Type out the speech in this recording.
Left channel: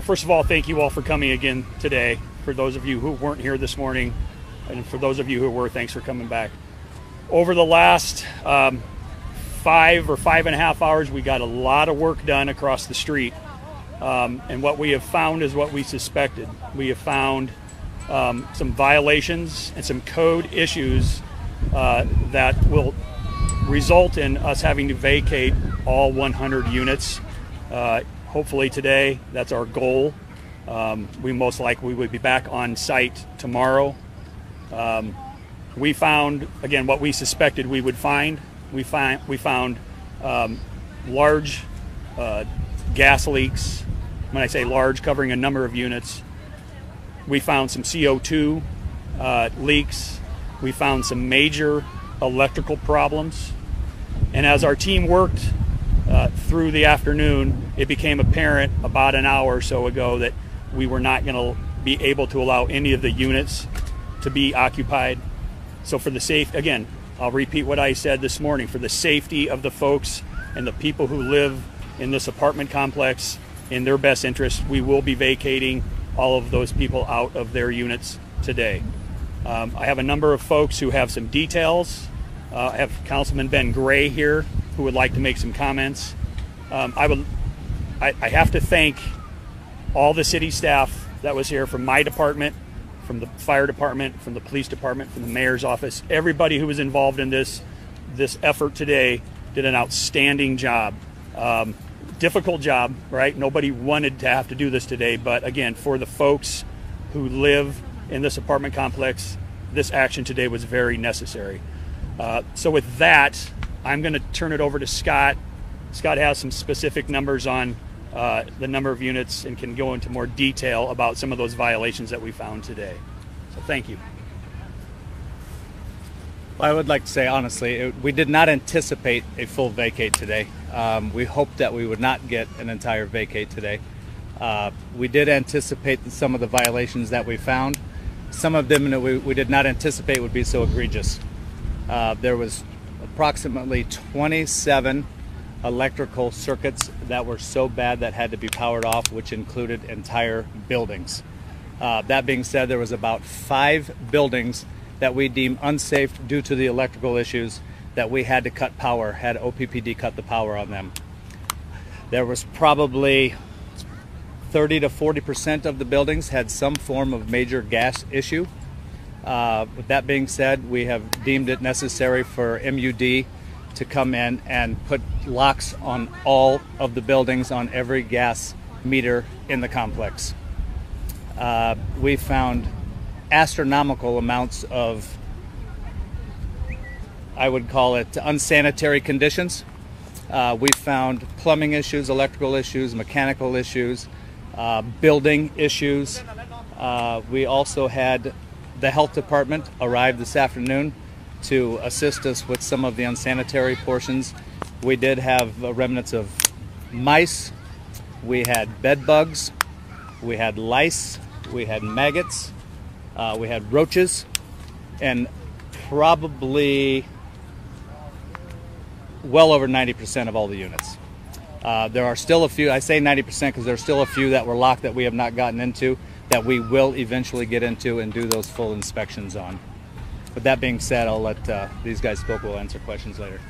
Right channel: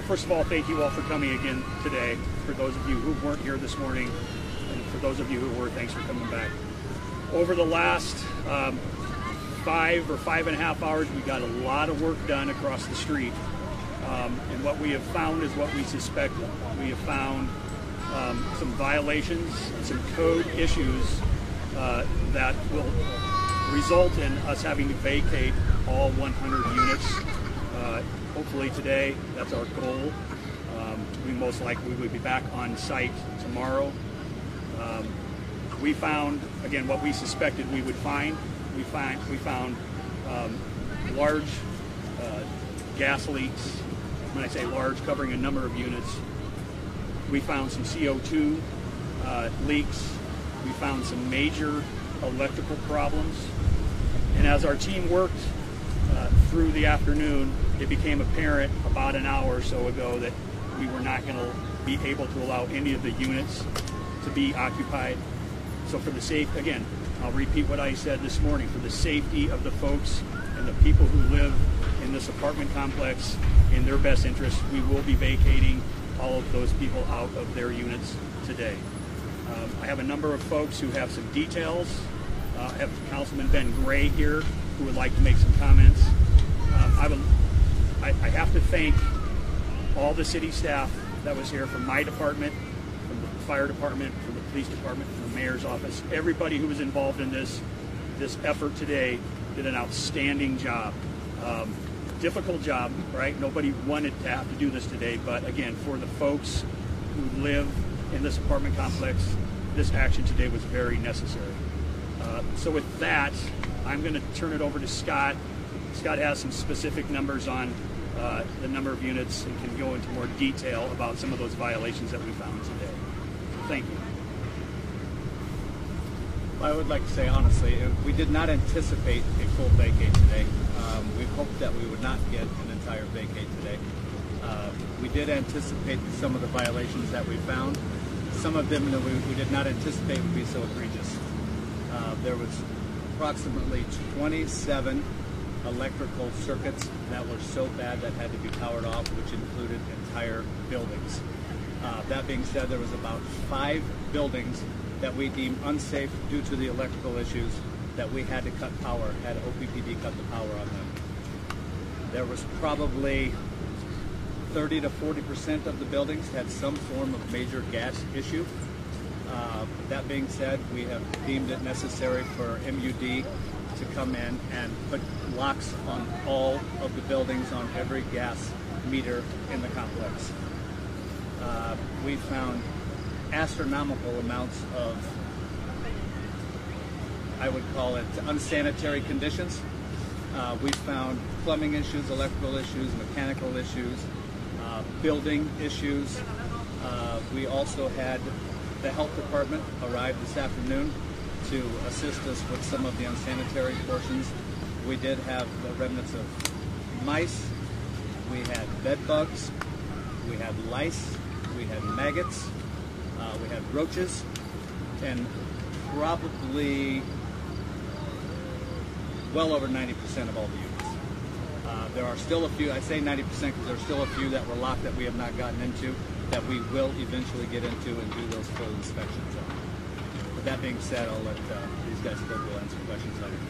Well, first of all, thank you all for coming again today. For those of you who weren't here this morning, and for those of you who were, thanks for coming back. Over the last 5 or 5.5 hours, we got a lot of work done across the street. And what we have found is what we suspected. We have found some violations and some code issues that will result in us having to vacate all 100 units. Hopefully today, that's our goal. We most likely would be back on site tomorrow. We found, again, what we suspected we would find. We found large gas leaks. When I say large, covering a number of units. We found some CO2 leaks. We found some major electrical problems. And as our team worked through the afternoon, it became apparent about an hour or so ago that we were not going to be able to allow any of the units to be occupied. So for the safe, again, I'll repeat what I said this morning, for the safety of the folks and the people who live in this apartment complex, in their best interest, we will be vacating all of those people out of their units today. I have a number of folks who have some details. I have Councilman Ben Gray here who would like to make some comments. I have to thank all the city staff that was here from my department, from the fire department, from the police department, from the mayor's office. Everybody who was involved in this effort today did an outstanding job. Difficult job, right? Nobody wanted to have to do this today, but again, for the folks who live in this apartment complex, this action today was very necessary. So with that, I'm going to turn it over to Scott. Scott has some specific numbers on the number of units and can go into more detail about some of those violations that we found today. So thank you. Well, I would like to say, honestly, we did not anticipate a full vacate today. We hoped that we would not get an entire vacate today. We did anticipate some of the violations that we found. Some of them we did not anticipate would be so egregious. There was approximately 27 electrical circuits that were so bad that had to be powered off, which included entire buildings. That being said, there was about 5 buildings that we deemed unsafe due to the electrical issues that we had to cut power, had OPPD cut the power on them. There was probably 30 to 40% of the buildings had some form of major gas issue. With that being said, we have deemed it necessary for MUD to come in and put locks on all of the buildings on every gas meter in the complex. We found astronomical amounts of, I would call it, unsanitary conditions. We found plumbing issues, electrical issues, mechanical issues, building issues. We also had the health department arrive this afternoon to assist us with some of the unsanitary portions. We did have remnants of mice, we had bed bugs, we had lice, we had maggots, we had roaches, and probably well over 90% of all the units. There are still a few, I say 90% because there are still a few that were locked that we have not gotten into, that we will eventually get into and do those full inspections on. With that being said, I'll let these guys spoke will answer questions later.